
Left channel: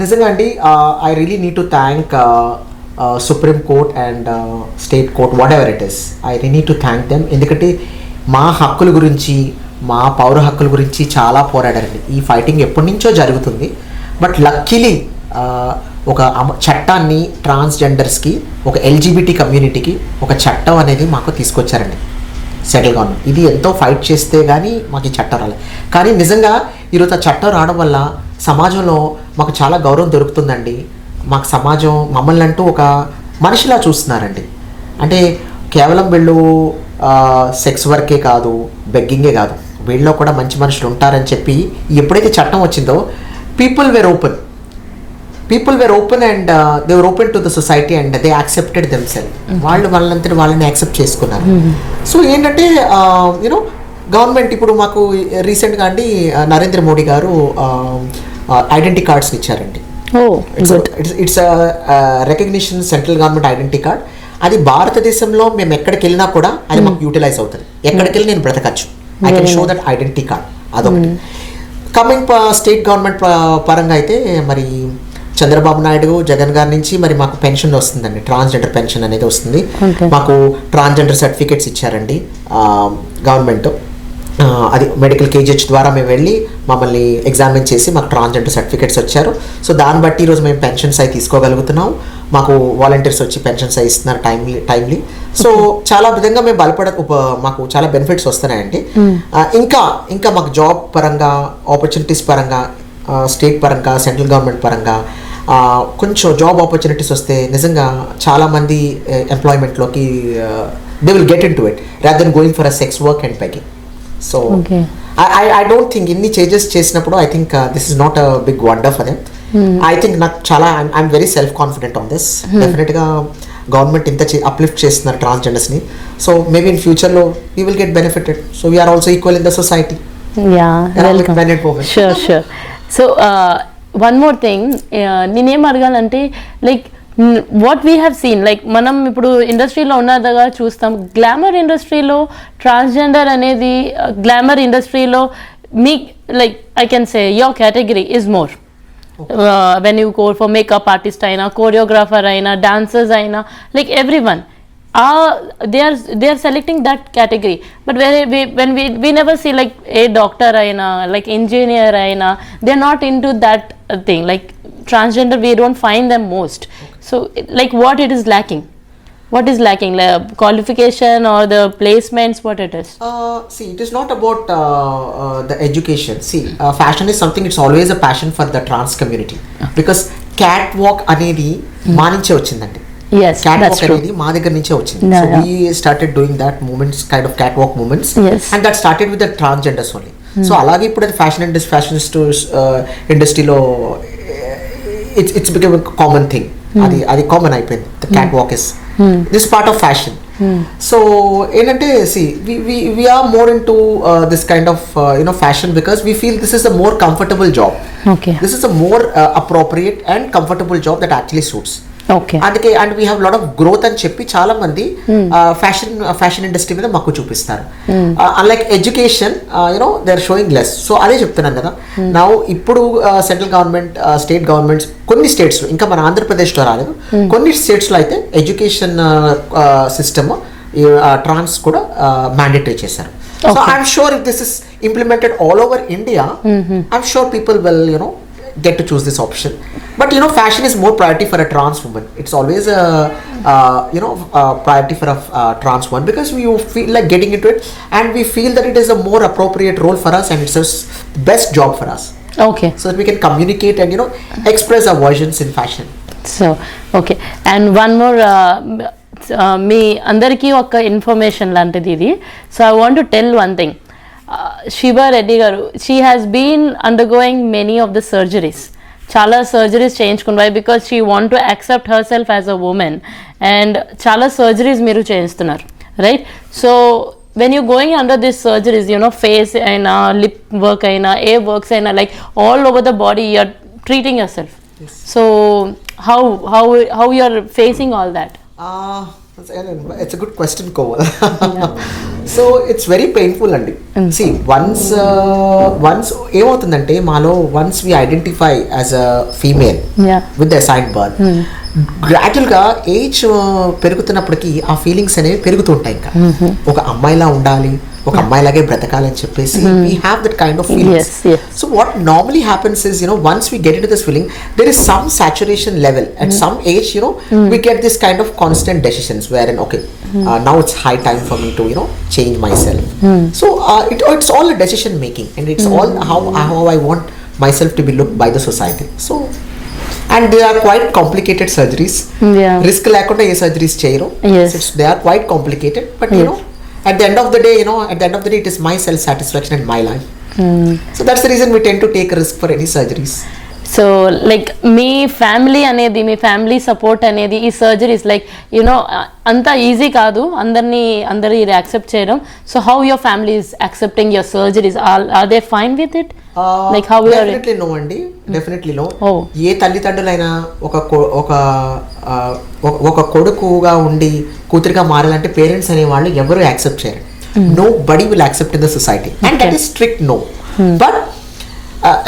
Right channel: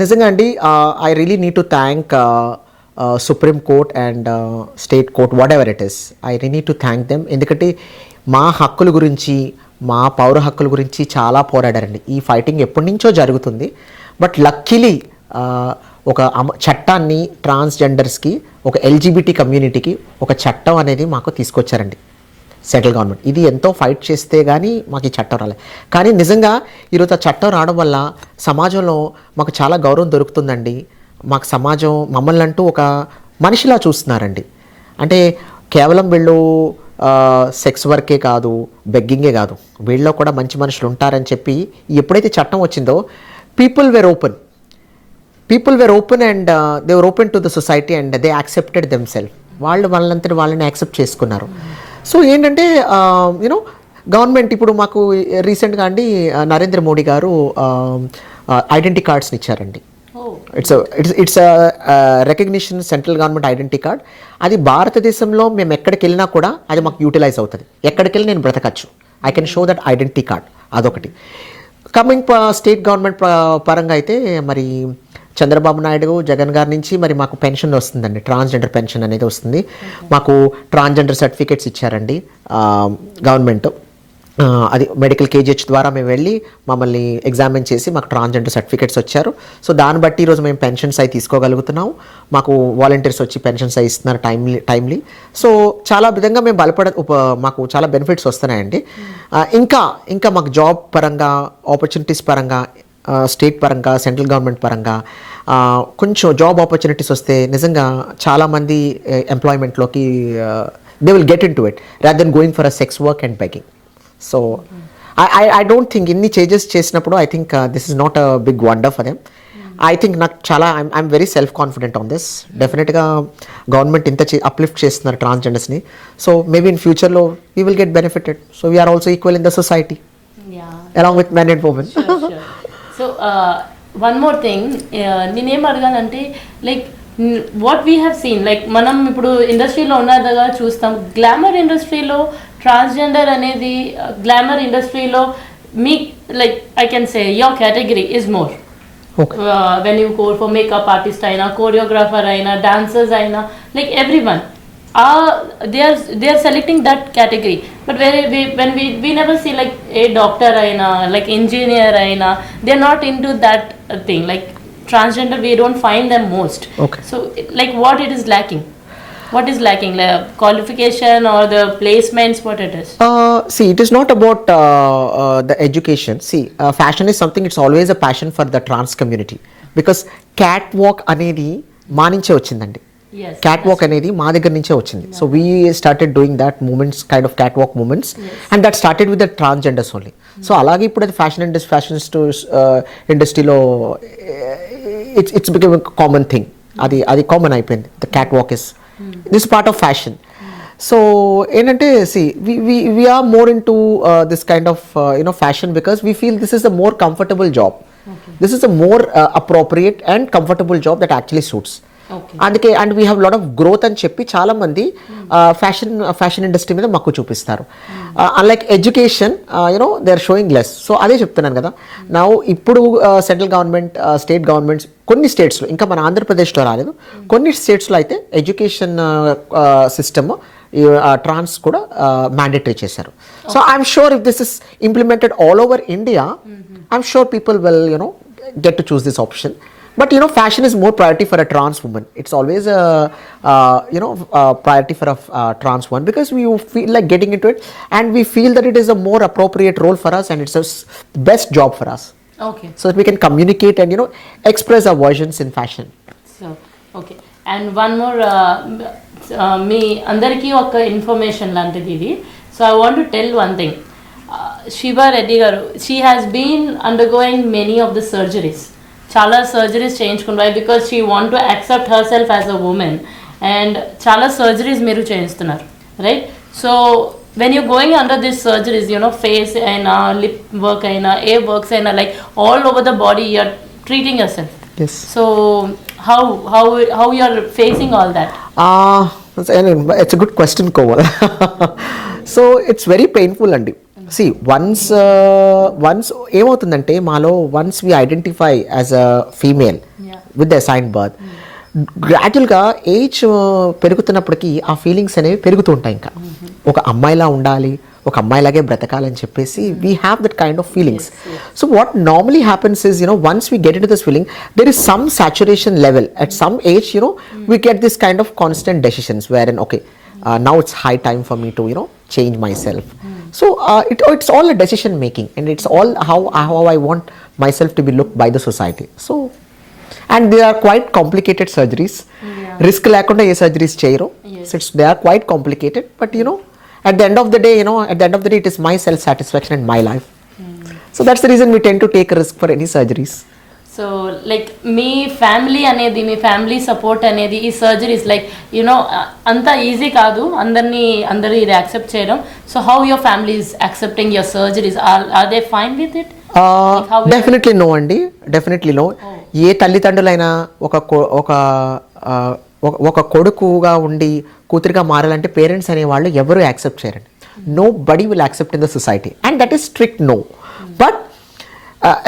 నిజంగా అండి, I really need to thank supreme court and state court, what ever it is, I really need to thank them. ఎందుకంటే మా హక్కుల గురించి, మా పౌర హక్కుల గురించి చాలా పోరాడారండి. ఈ ఫైటింగ్ ఎప్పటి నుంచో జరుగుతుంది. బట్ లక్కీలీ ఒక చట్టాన్ని ట్రాన్స్జెండర్స్కి, ఒక ఎల్జిబిటీ కమ్యూనిటీకి ఒక చట్టం అనేది మాకు తీసుకొచ్చారండి సెంట్రల్ గవర్నమెంట్. ఇది ఎంతో ఫైట్ చేస్తే కానీ మాకు ఈ చట్టం రాలేదు. కానీ నిజంగా ఈరోజు ఆ చట్టం రావడం వల్ల సమాజంలో మాకు చాలా గౌరవం దొరుకుతుందండి. మాకు సమాజం మమ్మల్ని అంటూ ఒక మనిషిలా చూస్తున్నారండి. అంటే కేవలం వీళ్ళు సెక్స్ వర్కే కాదు, బెగ్గింగే కాదు, వీళ్ళలో కూడా మంచి మనుషులు ఉంటారని చెప్పి ఎప్పుడైతే చట్టం వచ్చిందో people were open and they were open to the society and they accepted themself. వాళ్ళంతా వాళ్ళని యాక్సెప్ట్ చేసుకున్నారు. సో ఏంటంటే యూనో గవర్నమెంట్ ఇప్పుడు మాకు రీసెంట్గా అండి నరేంద్ర మోడీ గారు ఐడెంటిటీ కార్డ్స్ ఇచ్చారండి. It's recognition central government identity card. అది భారతదేశంలో మేము ఎక్కడికి వెళ్ళినా కూడా అది మాకు యూటిలైజ్ అవుతుంది. ఎక్కడికి వెళ్ళి నేను బ్రతకచ్చు, I can show that identity card. అదొకటి. కమింగ్ స్టేట్ గవర్నమెంట్ పరంగా అయితే మరి చంద్రబాబు నాయుడు, జగన్ గారి నుంచి మరి మాకు పెన్షన్ వస్తుందండి, ట్రాన్స్జెండర్ పెన్షన్ అనేది వస్తుంది. మాకు ట్రాన్స్జెండర్ సర్టిఫికేట్స్ ఇచ్చారండి గవర్నమెంట్. అది మెడికల్ కేజీహెచ్ ద్వారా మేము వెళ్ళి మమ్మల్ని ఎగ్జామిన్ చేసి మాకు ట్రాన్స్జెండర్ సర్టిఫికేట్స్ వచ్చారు. సో దాన్ని బట్టి ఈరోజు మేము పెన్షన్స్ అవి తీసుకోగలుగుతున్నాం. మాకు వాలంటీర్స్ వచ్చి పెన్షన్స్ అవి ఇస్తున్నారు టైమ్లీ. సో చాలా విధంగా మేము మాకు చాలా బెనిఫిట్స్ వస్తున్నాయండి. ఇంకా మాకు జాబ్ పరంగా, ఆపర్చునిటీస్ పరంగా, స్టేట్ పరంగా, సెంట్రల్ గవర్నమెంట్ పరంగా కొంచెం జాబ్ ఆపర్చునిటీస్ వస్తే నిజంగా చాలామంది ఎంప్లాయ్మెంట్లోకి they will get in to it rather than going for a sex work and begging. So I don't think ఇన్ని చేంజెస్ చేసినప్పుడు I think this is not a big wonder for them. I think నాకు చాలా I'm very self confident on this. డెఫినెట్గా government ఇంత uplift చేస్తున్నారు ట్రాన్స్జెండర్స్ని. So maybe in ఫ్యూచర్లో we will get benefited. So we are also equal in the society. So one more thing నేనేం అడగాలంటే like what we have scene, like మనం ఇప్పుడు ఇండస్ట్రీలో ఉన్నదిగా చూస్తాం, గ్లామర్ ఇండస్ట్రీలో ట్రాన్స్జెండర్ అనేది గ్లామర్ ఇండస్ట్రీలో మీ like I can say your category is more. When you go for makeup artist అయినా, కోరియోగ్రాఫర్ అయినా, డాన్సర్స్ అయినా, like every one they are selecting that category. But when we never see like a doctor aina, like engineer aina, they're not into that thing. Like transgender, we don't find them most. Okay. So like what it is lacking, like qualification or the placements, what it is? See, it is not about the education. See, fashion is something, it's always a passion for the trans community. Because catwalk anedi మా నుంచే వచ్చిందండి. Catwalk అనేది మా దగ్గర నుంచే వచ్చింది. So we started doing that movements, kind of catwalk movements, and that started with the transgenders only. So అలాగే ఇప్పుడు అది ఫ్యాషన్ ఇండస్ట్రీలో it's become a common thing. అది కామన్ అయిపోయింది. The catwalk is this part of fashion. So ఏంటంటే see we are more into this kind of fashion because we feel this is a more comfortable job. Okay. This is a more appropriate and comfortable job that actually suits. అందుకే and we have lot of growth అని చెప్పి చాలా మంది fashion industry మీద మక్కువ చూపిస్తారు. Like education you know they are showing less. So అదే చెప్తున్నాను కదా, నా ఇప్పుడు సెంట్రల్ గవర్నమెంట్, స్టేట్ గవర్నమెంట్స్, కొన్ని స్టేట్స్ లో, ఇంకా మన ఆంధ్రప్రదేశ్లో రాలేదు, కొన్ని స్టేట్స్ లో అయితే ఎడ్యుకేషన్ సిస్టమ్ ట్రాన్స్ కూడా మ్యాండేటరీ చేశారు. So I'm sure if this is implemented all over India, I'm sure people will, you know, get to choose this option. But you know, fashion is more priority for a trans woman. It's always a priority for a trans woman, because we feel like getting into it, and we feel that it is a more appropriate role for us, and it's the best job for us. Okay. So that we can communicate and, you know, express our versions in fashion. So okay, and one more. మీ అందరికీ ఒక information లాంటిది ఇది. So I want to tell one thing. Sheeba Reddy గారు, she has been undergoing many of the surgeries. చాలా surgeries చేయించుకున్నారు because she want to accept her self as a women. And చాలా surgeries మీరు చేయిస్తున్నారు, right? So when you going under this surgeries, you know face అయినా, lip work అయినా, ఏ works అయినా, like all over the body you are treating your self. So how you are facing all that? It's a good question, Komal. So it's very painful andi. See, once ఏమవుతుందంటే మాలో, once we identify as a female with the assigned birth, gradual గా ఏజ్ పెరుగుతున్నప్పటికీ ఆ ఫీలింగ్స్ అనేవి పెరుగుతూ ఉంటాయి. ఇంకా ఒక అమ్మాయిలా ఉండాలి, ఒక అమ్మాయిలాగే బ్రతకాలని చెప్పేసి we have that kind of feelings. So what normally happens is, you know, once we get into this feeling, there is some saturation level at some age, you know, we get this kind of constant decisions wherein okay, now it's high time for me to, you know, change myself. So it's all a decision making, and it's all how I want myself to be looked by the society. So and they are quite complicated surgeries. Risk లేకుండా ఏ surgeries చేయరు. They are quite complicated, but you know, at the end of the day, you know, it is my self satisfaction and my life. So that's the reason we tend to take a risk for any surgeries. So like మీ family అనేది, మీ family support అనేది ఈ surgeries, like you know అంత easy కాదు అందరూ ఇది accept చేయడం. So how your family is accepting your surgeries? Are they fine with it? Definitely no అండి, డెఫినెట్లీ నో. ఏ తల్లిదండ్రులైనా ఒక కొడుకుగా ఉండి కూతురుగా మారాలంటే పేరెంట్స్ అనే వాళ్ళు ఎవరు యాక్సెప్ట్ చేయరు. Nobody will accept in the society, and that is strict no. But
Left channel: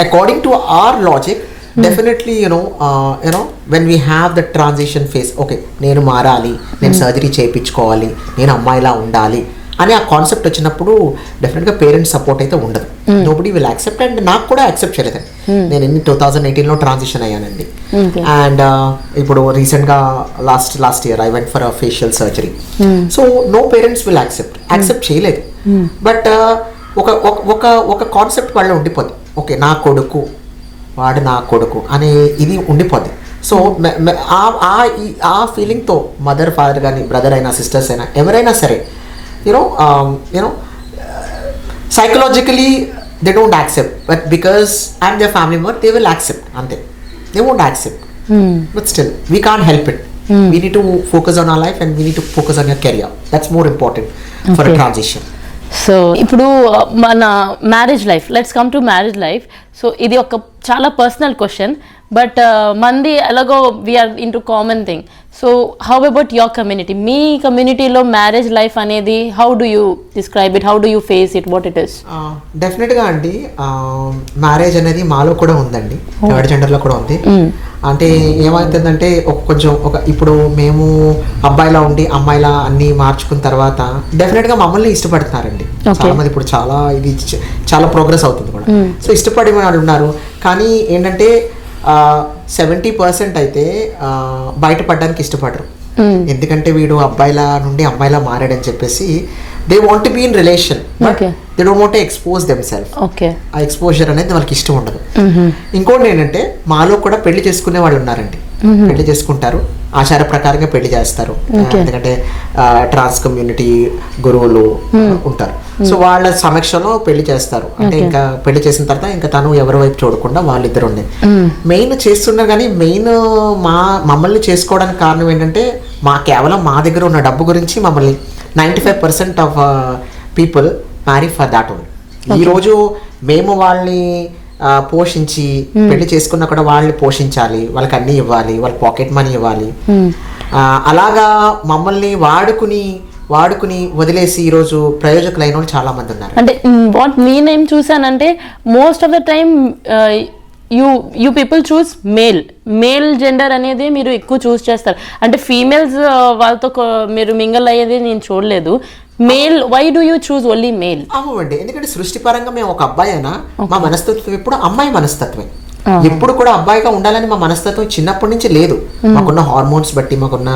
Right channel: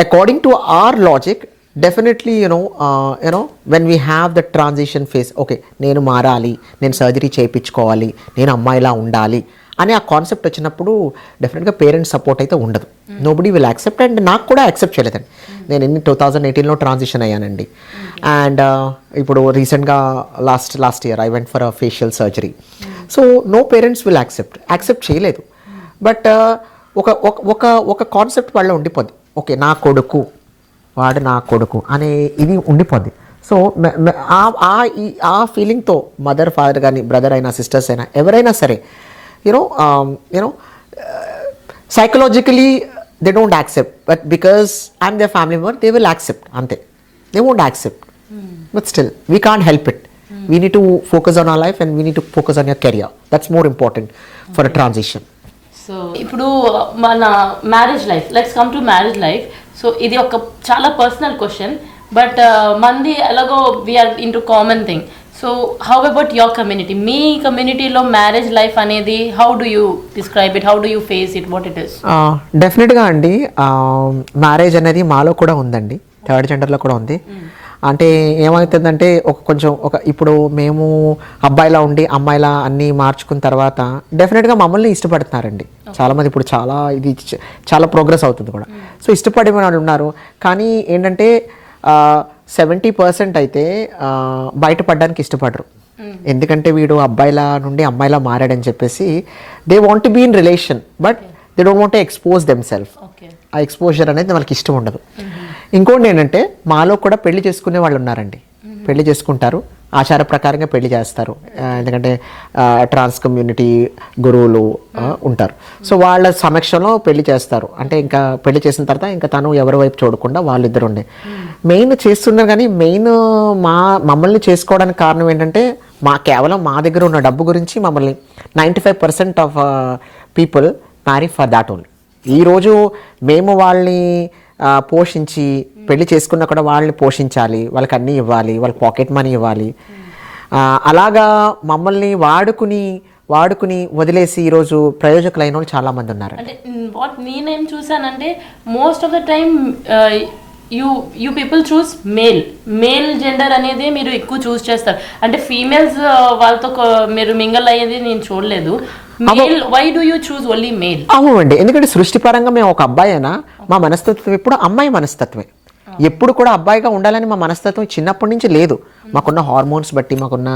according to our logic, definitely, you know, when we have the transition phase, okay, నేను మారాలి, నేను సర్జరీ చేయించుకోవాలి, నేను అమ్మాయిలా ఉండాలి అని ఆ కాన్సెప్ట్ వచ్చినప్పుడు డెఫినెట్ గా పేరెంట్స్ సపోర్ట్ అయితే ఉండదు. నోబడీ విల్ యాక్సెప్ట్, అండ్ నాకు కూడా యాక్సెప్ట్ చేయలేదండి. నేను 2018 లో ట్రాన్సిషన్ అయ్యానండి. అండ్ ఇప్పుడు రీసెంట్ గా last year I went for a facial surgery. So no parents will accept చేయలేదు. బట్ ఒక కాన్సెప్ట్ వాళ్ళ ఉండిపోద్ది. ఓకే, నా కొడుకు, వాడు నా కొడుకు అనే ఇది ఉండిపోద్ది. సో ఆ ఫీలింగ్తో మదర్, ఫాదర్ కానీ, బ్రదర్ అయినా, సిస్టర్స్ అయినా, ఎవరైనా సరే, you know psychologically they don't accept. But because I'm their family member, they will accept అంతే. They won't accept, but still we can't help it. We need to focus on our life, and we need to focus on your career. That's more important for a transition. So ఇప్పుడు మన marriage life, let's come to marriage life. So ఇది ఒక చాలా personal question, but మంది ఎలాగో we are in to common thing. So how about your community? మీ కమ్యూనిటీలో marriage life అనేది how do you describe it? How do you face it? What it is? డెఫినెట్గా అండి, మ్యారేజ్ అనేది మాలో కూడా ఉందండి, థర్డ్ జెండర్లో కూడా ఉంది. అంటే ఏమవుతుందంటే ఇప్పుడు మేము అబ్బాయిలా ఉండి అమ్మాయిలా అన్ని మార్చుకున్న తర్వాత డెఫినెట్ గా మమ్మల్ని ఇష్టపడుతున్నారండి చాలా మంది. ఇప్పుడు చాలా ప్రోగ్రెస్ అవుతుంది కూడా. సో ఇష్టపడే వాళ్ళు ఉన్నారు, కానీ ఏంటంటే 70% అయితే బయటపడడానికి ఇష్టపడరు. ఎందుకంటే వీడు అబ్బాయిలా నుండి అమ్మాయిలా మారాడని చెప్పేసి they want be in relation, but they don't want to expose themself. ఆ ఎక్స్పోజర్ అనేది వాళ్ళకి ఇష్టం ఉండదు. ఇంకోటి ఏంటంటే మాలో కూడా పెళ్లి చేసుకునే వాళ్ళు ఉన్నారండి. పెళ్లి చేసుకుంటారు, ఆచార ప్రకారంగా పెళ్లి చేస్తారు. ఎందుకంటే ట్రాన్స్ కమ్యూనిటీ గురువులు ఉంటారు. సో వాళ్ళ సమక్షంలో పెళ్లి చేస్తారు. అంటే ఇంకా పెళ్లి చేసిన తర్వాత ఇంకా తను ఎవరి వైపు చూడకుండా వాళ్ళిద్దరు ఉండే మెయిన్ చేస్తున్నారు. కానీ మెయిన్ మమ్మల్ని చేసుకోవడానికి కారణం ఏంటంటే కేవలం మా దగ్గర ఉన్న డబ్బు గురించి మమ్మల్ని 95% of people marry for that only. ఈ రోజు మేము వాళ్ళని పోషించి పెళ్లి చేసుకున్నా కూడా వాళ్ళని పోషించాలి, వాళ్ళకి అన్ని ఇవ్వాలి, వాళ్ళకి పాకెట్ మనీ ఇవ్వాలి. అలాగా మమ్మల్ని వాడుకుని వదిలేసి ఈరోజు ప్రయోజకులైన వాళ్ళు చాలా మంది ఉన్నారు. అంటే వాట్ నేనేం చూసానంటే most of the time you people choose male gender అనేది మీరు ఎక్కువ చూస్ చేస్తారు. అంటే ఫీమేల్స్ వాళ్ళతో మీరు మింగల్ అయ్యేది నేను చూడలేదు. Male, why do you choose only male? అవునండి, ఎందుకంటే సృష్టిపరంగా మేము ఒక అబ్బాయి అయినా మా మనస్తత్వం ఎప్పుడు అమ్మాయి మనస్తత్వమే. ఎప్పుడు కూడా అబ్బాయిగా ఉండాలని మా మనస్తత్వం చిన్నప్పటి నుంచి లేదు. మాకున్న హార్మోన్స్ బట్టి, మాకున్న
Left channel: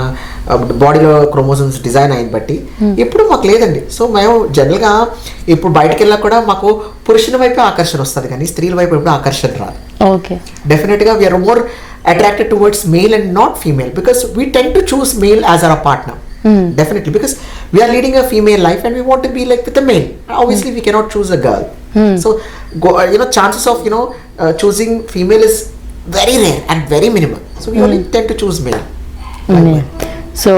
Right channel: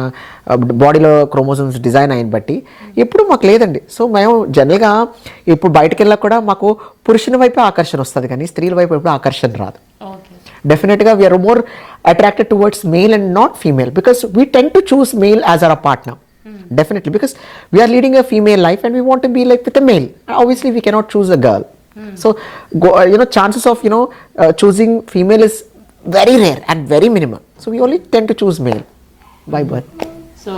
బాడీలో క్రోమోజోమ్స్ డిజైన్ అయిన బట్టి ఎప్పుడు మాకు లేదండి. సో మేము జనరల్ గా ఇప్పుడు బయటకు వెళ్ళా కూడా మాకు పురుషుని వైపు ఆకర్షణ వస్తుంది, కానీ స్త్రీల వైపు ఎప్పుడు ఆకర్షణ రాదు. డెఫినెట్ గా we're more attracted towards male and not female, because we tend to choose male as our partner. Definitely, because we are leading a female life and we want to be like with a male. Obviously we cannot choose a girl. So chances of choosing female is very rare and very minimal, so we only tend to choose male. So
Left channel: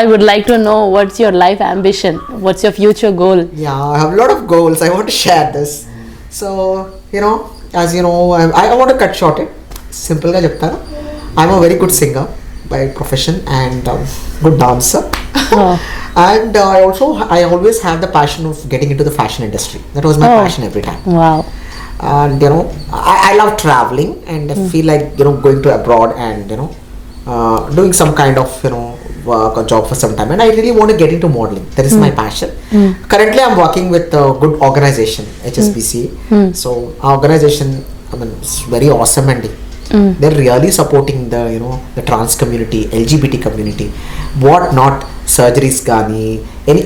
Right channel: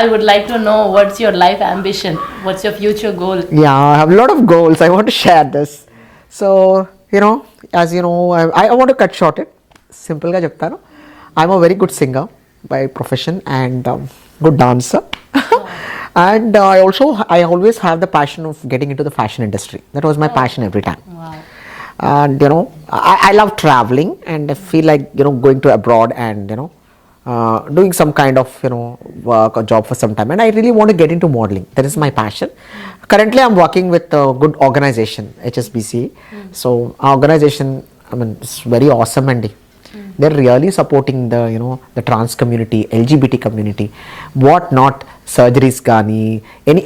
I would like to know, what's your life ambition, what's your future goal? Yeah, I have a lot of goals. I want to share this. So as you know, I want to cut short it. Simple ga cheptanu, I'm a very good singer by profession and good dancer. And I always have the passion of getting into the fashion industry. That was my passion every time. Wow. And I love traveling, and I feel like going to abroad and doing some kind of work or job for some time, and I really want to get into modeling. That is my passion. Currently I'm working with a good organization, HSBC. So our organization, I mean, it's very awesome, and they're really supporting the trans community, LGBT community, what not, surgeries gani,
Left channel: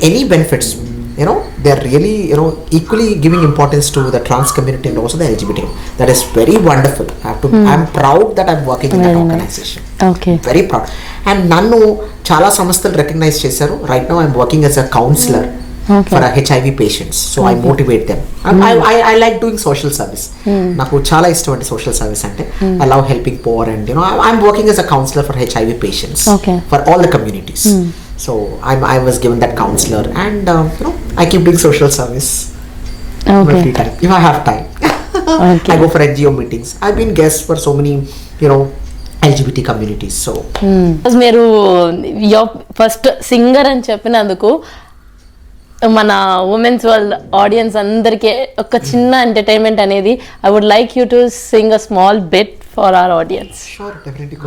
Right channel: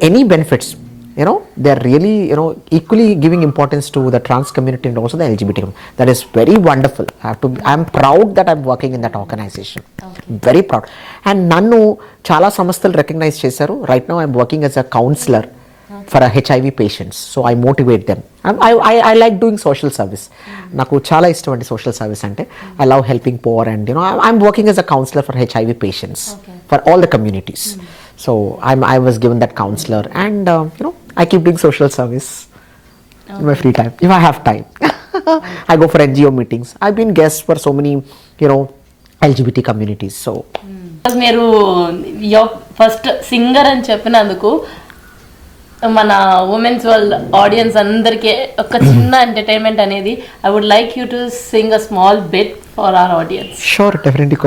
any benefits, they're really equally giving importance to the trans community and also the LGBT. That is very wonderful. I'm proud that I'm working in that organization. Okay. Very proud. And nannu chala samasthalu recognize chesaru. Right now I'm working as a counselor for HIV patients, so I motivate them. I like doing social service. Naku chala ishtam ante social service ante. I love helping poor, and I'm working as a counselor for HIV patients for all the communities. So I was given that counselor, and I keep doing social service every time if I have time. I go for NGO meetings. I've been guest for so many LGBT communities. So మీరు your first singer అని చెప్పినందుకు మన women's world audience అందరికీ ఒక చిన్న entertainment అనేది, I would like you to sing a small bit for our audience. Sure, definitely.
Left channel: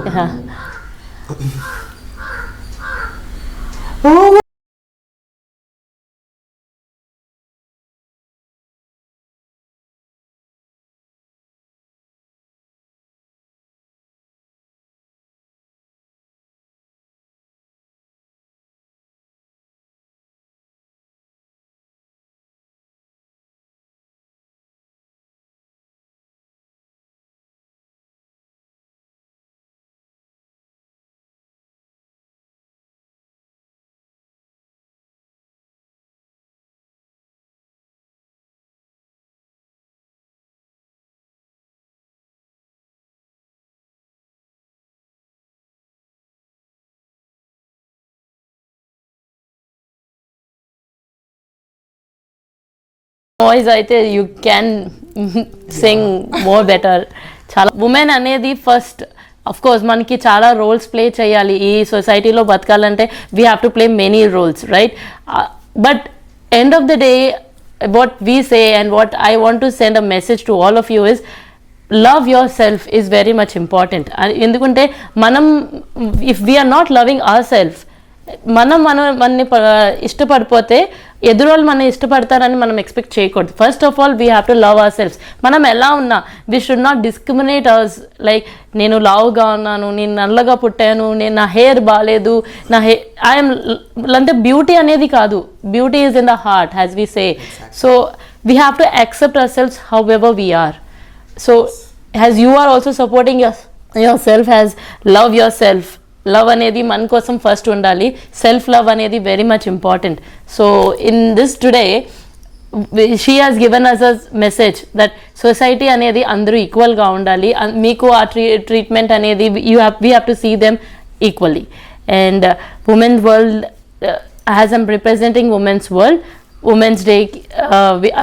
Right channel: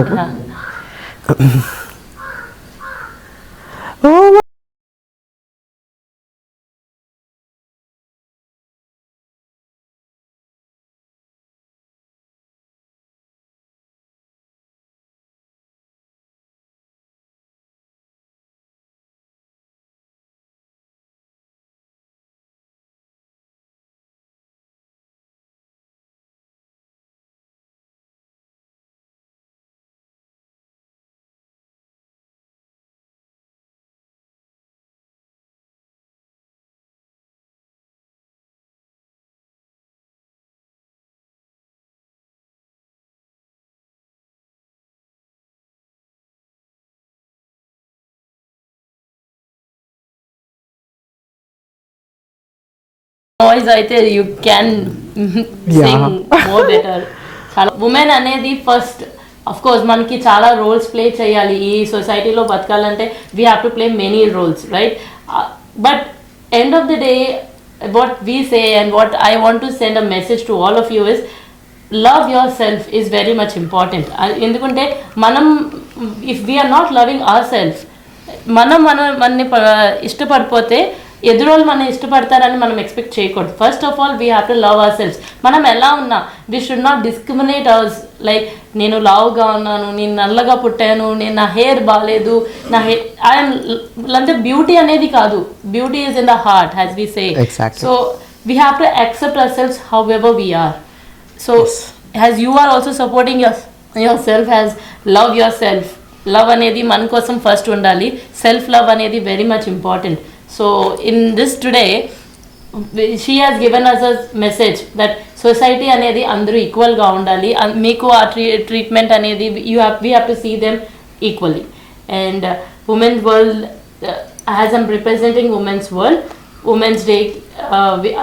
Voice అయితే you can sing more better. చాలా ఉమెన్ అనేది ఫస్ట్, అఫ్ కోర్స్ మనకి చాలా రోల్స్ ప్లే చేయాలి ఈ సొసైటీలో బతకాలంటే. We have to play many roles, right? But end of the day what we say and what I want to send a message to all of you is, love yourself is very much important. ఎందుకంటే మనం, if we are not loving ourselves, మనని ఇష్టపడిపోతే ఎదురోళ్ళు మనం ఇష్టపడతారని మనం expect చేయకూడదు. First of all we have to love ourselves. మనం ఎలా ఉన్నా we should not discriminate ours. Like నేను లావుగా ఉన్నాను, నేను నల్లగా పుట్టాను, నేను నా హెయిర్ బాగాలేదు, నా హెయిర్ ఐఎమ్ అంటే బ్యూటీ అనేది కాదు. Beauty is in the heart, as we say. So we have to accept ourselves however we are. So as you are also supporting yourself, as love yourself. Love అనేది మన కోసం first ఉండాలి. Self love అనేది very much important. So in this today, she has given us a message that society anedi andaru equal ga undali, meeku aa treatment anedi we have to see them equally. And women's world, as I'm representing women's world, women's day,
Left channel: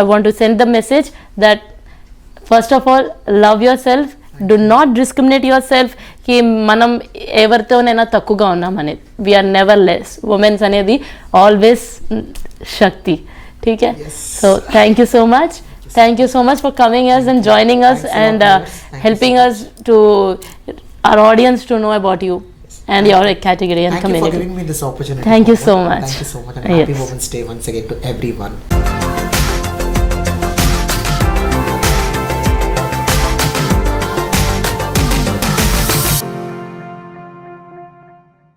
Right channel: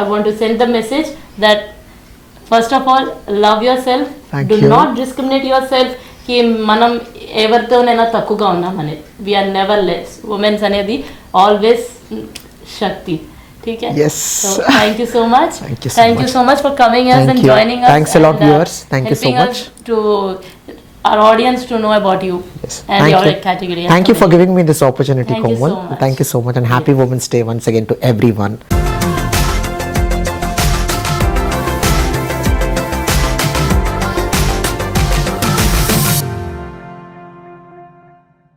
I want to send the message that first of all love yourself, do not discriminate yourself కి మనం ఎవరితోనైనా తక్కువగా ఉన్నాం అనేది. We're never less. Women's అనేది always శక్తి. ठीक है. Yes. So thank you so much. Thank you so much for coming us and joining us. Thanks a lot, viewers. Helping us to our audience to know about you and your category. Thank you for giving me this opportunity. Thank you so much. Thank you so much, and happy Women's Day once again to everyone.